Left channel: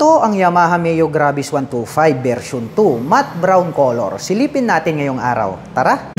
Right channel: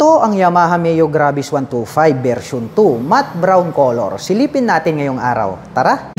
Ito ang Yamaha Mio Gravis 125 version 2, matte brown color. Silipin natin ngayong araw. Tara!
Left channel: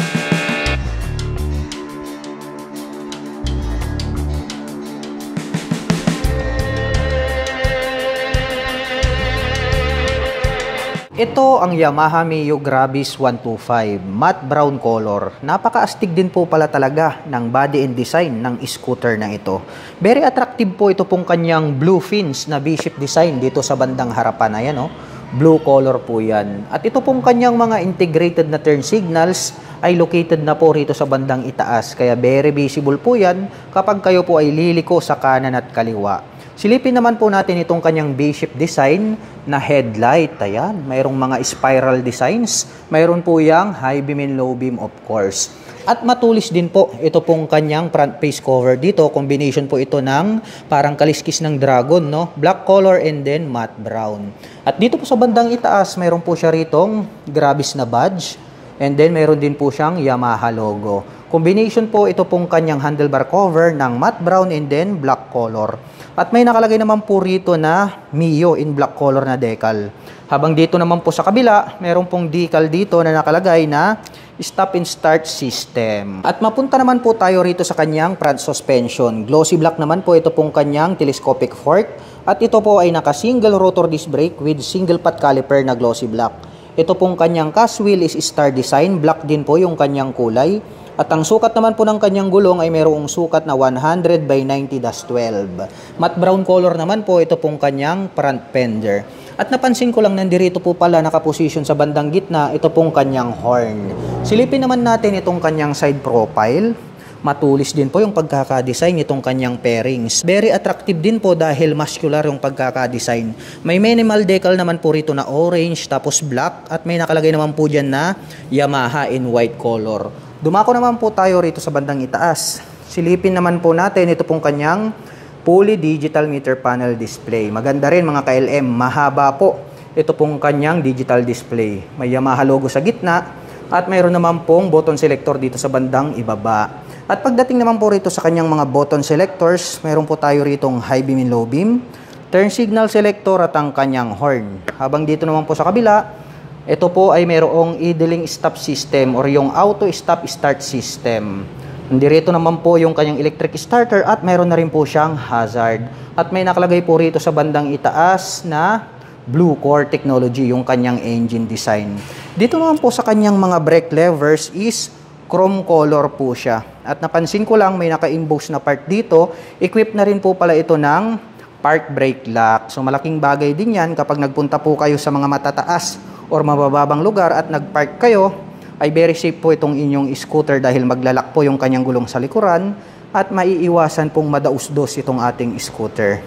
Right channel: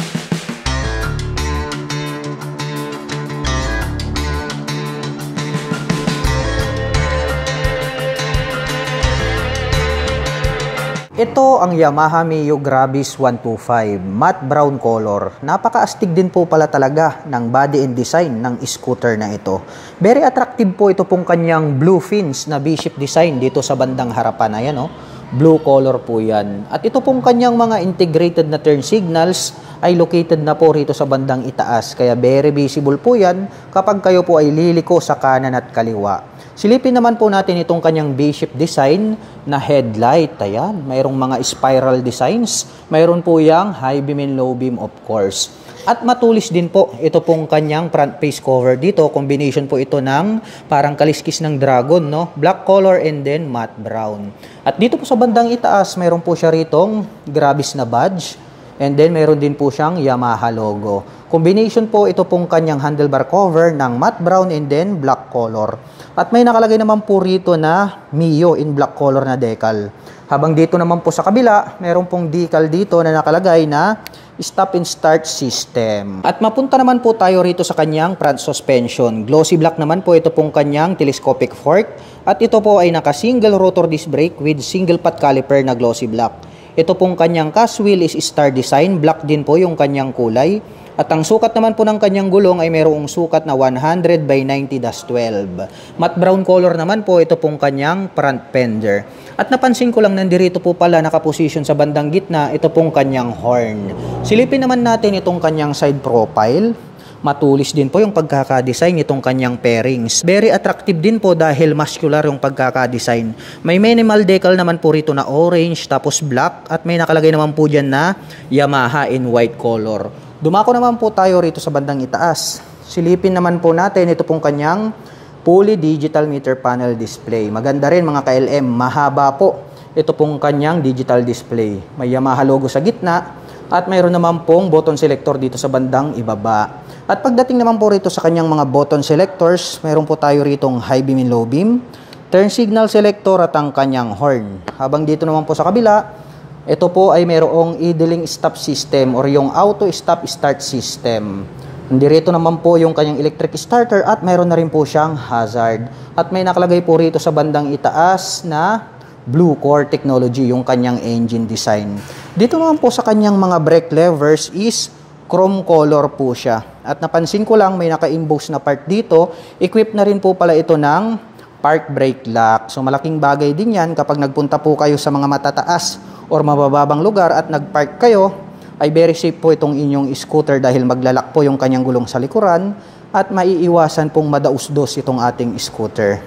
Ito ang Yamaha Mio Gravis 125, matte brown color. Napaka-astig din po pala talaga ng body and design ng scooter na ito. Very attractive po ito pong kanyang blue fins na V-shape design dito sa bandang harapan. Ayan, oh. Blue color po yan. At ito pong kanyang mga integrated na turn signals ay located na po rito sa bandang itaas. Kaya very visible po yan kapag kayo po ay liliko sa kanan at kaliwa. Silipin naman po natin itong kanyang V-shape design na headlight. Ayan, mayroong mga spiral designs. Mayroon po yang high beam and low beam, of course. At matulis din po ito pong kanyang front face cover dito. Combination po ito ng parang kaliskis ng dragon, no? Black color and then matte brown. At dito po sa bandang itaas, mayroon po siya ritong Gravis na badge. And then mayroon din po siyang Yamaha logo. Combination po ito pong kanyang handlebar cover ng matte brown and then black color. At may nakalagay naman po rito na Mio in black color na decal. Habang dito naman po sa kabila, meron pong decal dito na nakalagay na stop and start system. At mapunta naman po tayo rito sa kanyang front suspension. Glossy black naman po ito pong kanyang telescopic fork. At ito po ay naka single rotor disc brake with single pot caliper na glossy black. Ito pong kanyang cast wheel is star design. Black din po yung kanyang kulay. At ang sukat naman po ng kanyang gulong ay mayroong sukat na 100 by 90-12. Matte brown color naman po ito pong kanyang front fender. At napansin ko lang nandirito po pala nakaposisyon sa bandang gitna ito pong kanyang horn. Silipin naman natin itong kanyang side profile. Matulis din po yung pagkakadesign itong kanyang pairings. Very attractive din po dahil muscular yung pagkakadesign. May minimal decal naman po rito na orange tapos black at may nakalagay naman po dyan na Yamaha in white color. Dumako naman po tayo rito sa bandang itaas. Silipin naman po natin ito pong kanyang fully digital meter panel display. Maganda rin mga ka-LM, mahaba po ito pong kanyang digital display. May Yamaha logo sa gitna at mayroon naman pong button selector dito sa bandang ibaba. At pagdating naman po rito sa kanyang mga button selectors, mayroon po tayo ritong high beam and low beam, turn signal selector at ang kanyang horn. Habang dito naman po sa kabila, ito po ay mayroong idling stop system or yung auto stop start system. Nandito naman po yung kanyang electric starter at mayroon na rin po siyang hazard. At may nakalagay po rito sa bandang itaas na Blue Core Technology yung kanyang engine design. Dito naman po sa kanyang mga brake levers is chrome color po siya. At napansin ko lang may naka-emboss na part dito. Equipped na rin po pala ito ng park brake lock. So malaking bagay din yan kapag nagpunta po kayo sa mga matataas or mabababang lugar at nagpark kayo, ay very safe po itong inyong scooter dahil maglalak po yung kanyang gulong sa likuran at maiiwasan pong madausdos itong ating scooter.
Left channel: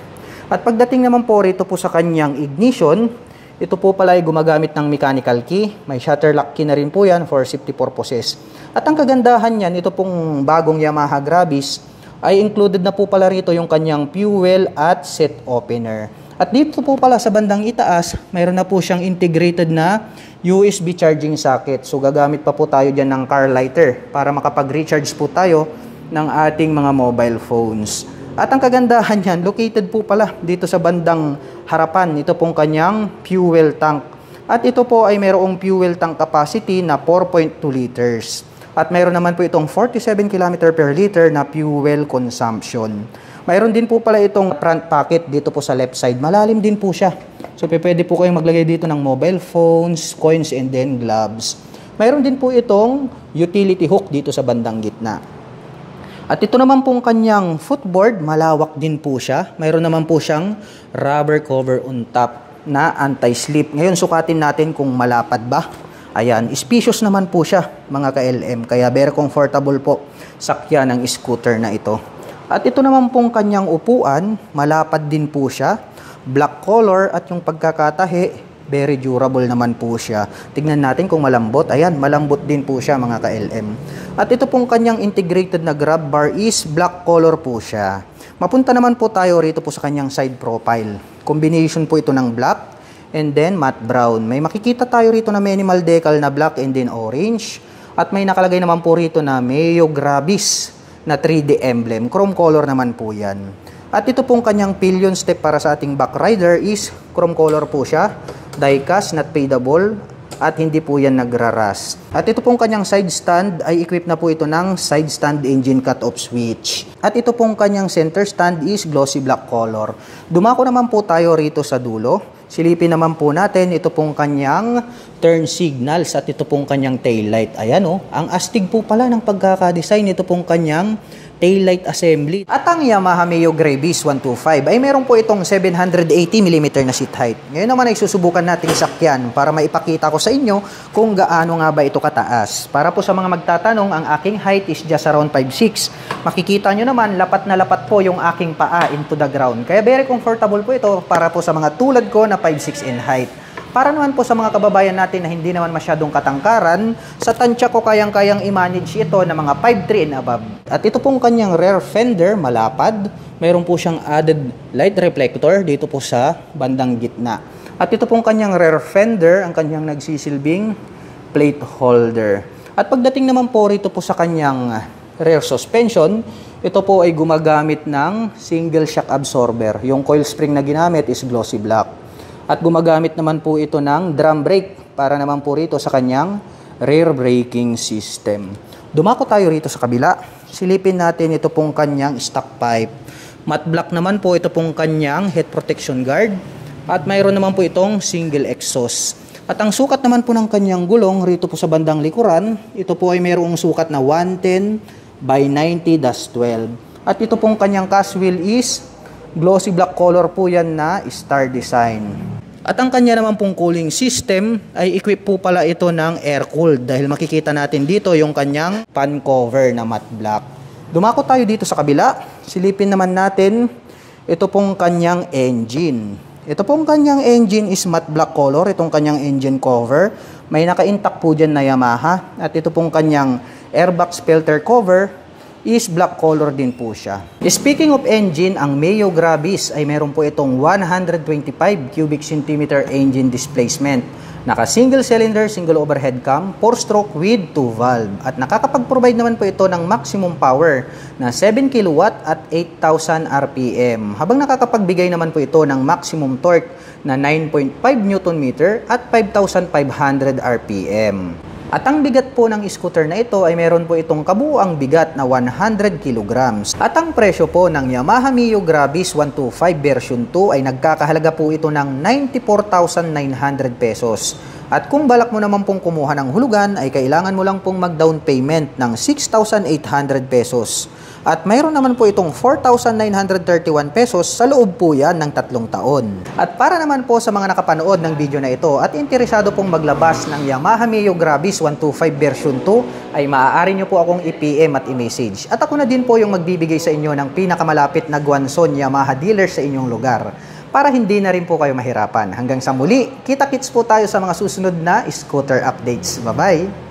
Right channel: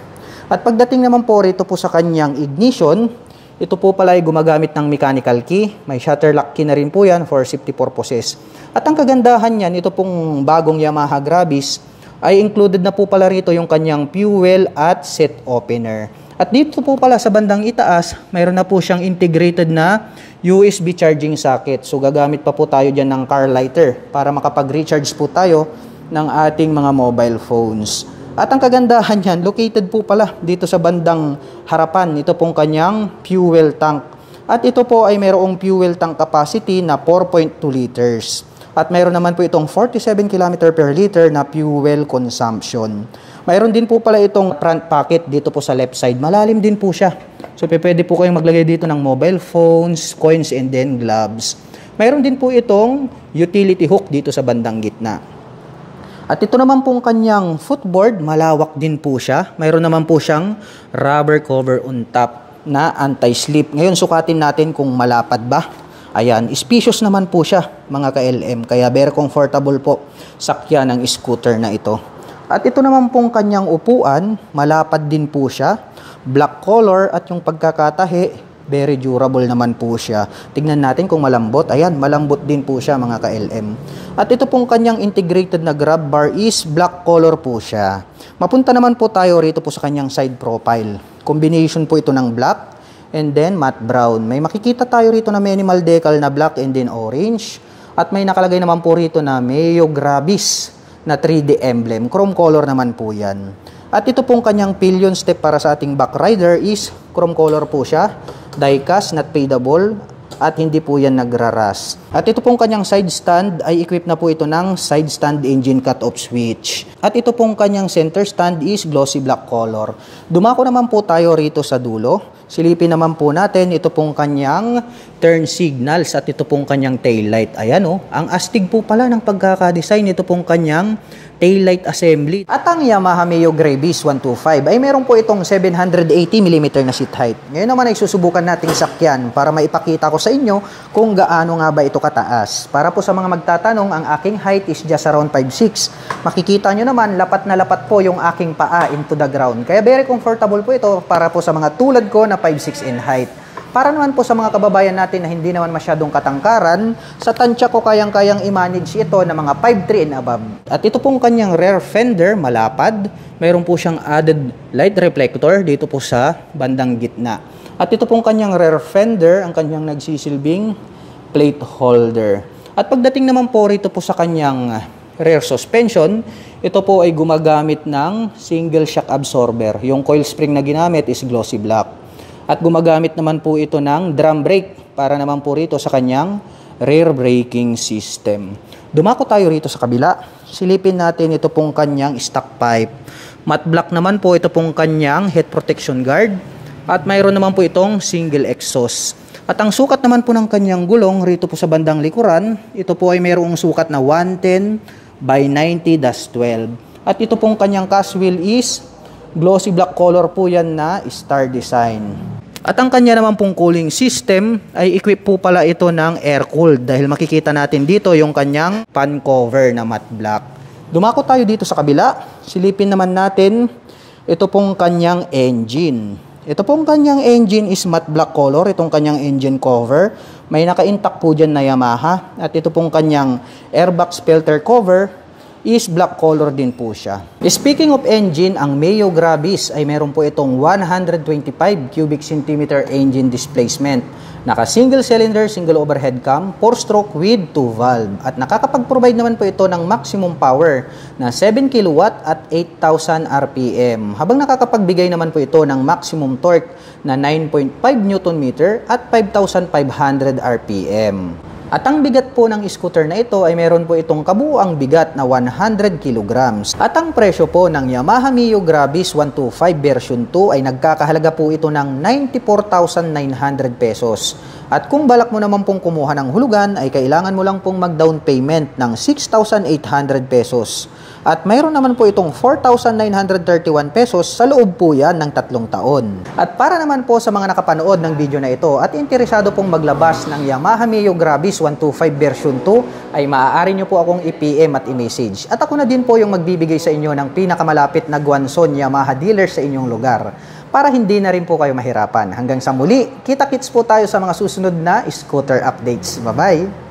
At pagdating naman po rito po sa kanyang ignition, ito po pala ay gumagamit ng mechanical key. May shutter lock key na rin po yan for safety purposes. At ang kagandahan yan, ito pong bagong Yamaha Gravis, ay included na po pala rito yung kanyang fuel at seat opener. At dito po pala sa bandang itaas, mayroon na po siyang integrated na USB charging socket. So gagamit pa po tayo dyan ng car lighter para makapag-recharge po tayo ng ating mga mobile phones. At ang kagandahan yan, located po pala dito sa bandang harapan. Ito pong kanyang fuel tank. At ito po ay mayroong fuel tank capacity na 4.2 liters. At mayroon naman po itong 47 km per liter na fuel consumption. Mayroon din po pala itong front pocket dito po sa left side. Malalim din po siya. So, pwede po kayong maglagay dito ng mobile phones, coins, and then gloves. Mayroon din po itong utility hook dito sa bandang gitna. At ito naman pong kanyang footboard, malawak din po siya. Mayroon naman po siyang rubber cover on top na anti-slip. Ngayon, sukatin natin kung malapad ba. Ayan, spacious naman po siya mga ka-LM. Kaya very comfortable po sakya ng scooter na ito. At ito naman pong kanyang upuan, malapad din po siya. Black color at yung pagkakatahi, very durable naman po siya. Tignan natin kung malambot. Ayan, malambot din po siya mga ka-LM. At ito pong kanyang integrated na grab bar is black color po siya. Mapunta naman po tayo rito po sa kanyang side profile. Combination po ito ng black and then matte brown. May makikita tayo rito na minimal decal na black and then orange. At may nakalagay naman po rito na Mio Gravis na 3D emblem. Chrome color naman po yan. At ito pong kanyang pillion step para sa ating back rider is chrome color po siya, die-cast, not fadable, at hindi po yan nagraras. At ito pong kanyang side stand ay equipped na po ito ng side stand engine cut-off switch. At ito pong kanyang center stand is glossy black color. Dumako naman po tayo rito sa dulo. Silipin naman po natin ito pong kanyang turn signals at ito pong kanyang tail light. Ayan o, ang astig po pala ng pagkakadesign ito pong kanyang tail light assembly. At ang Yamaha Mio Gravis 125 ay meron po itong 780mm na seat height. Ngayon naman ay susubukan natin sakyan para maipakita ko sa inyo kung gaano nga ba ito kataas. Para po sa mga magtatanong, ang aking height is just around 5'6". Makikita nyo naman, lapat na lapat po yung aking paa into the ground. Kaya very comfortable po ito para po sa mga tulad ko na 5'6" in height. Para naman po sa mga kababayan natin na hindi naman masyadong katangkaran, sa tansya ko kayang-kayang i-manage ito na mga 5'3" and above. At ito pong kanyang rear fender, malapad. Mayroon po siyang added light reflector dito po sa bandang gitna. At ito pong kanyang rear fender, ang kanyang nagsisilbing plate holder. At pagdating naman po rito po sa kanyang rear suspension, ito po ay gumagamit ng single shock absorber. Yung coil spring na ginamit is glossy black. At gumagamit naman po ito ng drum brake para naman po rito sa kanyang rear braking system. Dumako tayo rito sa kabila. Silipin natin ito pong kanyang stock pipe. Matte black naman po ito pong kanyang head protection guard. At mayroon naman po itong single exhaust. At ang sukat naman po ng kanyang gulong rito po sa bandang likuran, ito po ay mayroong sukat na 110/90-12. At ito pong kanyang cast wheel is glossy black color po yan na star design. At ang kanya naman pong cooling system ay equip po pala ito ng air-cooled dahil makikita natin dito yung kanyang fan cover na matte black. Dumako tayo dito sa kabila. Silipin naman natin ito pong kanyang engine. Ito pong kanyang engine is matte black color, itong kanyang engine cover. May naka-intact po dyan na Yamaha. At ito pong kanyang airbox filter cover is black color din po siya. Speaking of engine, ang Mio Gravis ay meron po itong 125 cubic centimeter engine displacement. Naka single cylinder, single overhead cam, 4-stroke with 2 valve. At nakakapag-provide naman po ito ng maximum power na 7 kW at 8,000 RPM. Habang nakakapagbigay naman po ito ng maximum torque na 9.5 Nm at 5,500 RPM. At ang bigat po ng scooter na ito ay meron po itong kabuuang bigat na 100 kg. At ang presyo po ng Yamaha Mio Gravis 125 version 2 ay nagkakahalaga po ito ng 94,900 pesos. At kung balak mo naman pong kumuha ng hulugan ay kailangan mo lang pong mag-down payment ng 6,800 pesos. At mayroon naman po itong 4,931 pesos sa loob po yan ng 3 taon. At para naman po sa mga nakapanood ng video na ito at interesado pong maglabas ng Yamaha Mio Gravis 125 version 2 ay maaari nyo po akong i-PM at i-message. At ako na din po yung magbibigay sa inyo ng pinakamalapit na Guanzon Yamaha dealer sa inyong lugar para hindi na rin po kayo mahirapan. Hanggang sa muli, kita-kits po tayo sa mga susunod na scooter updates. Bye-bye!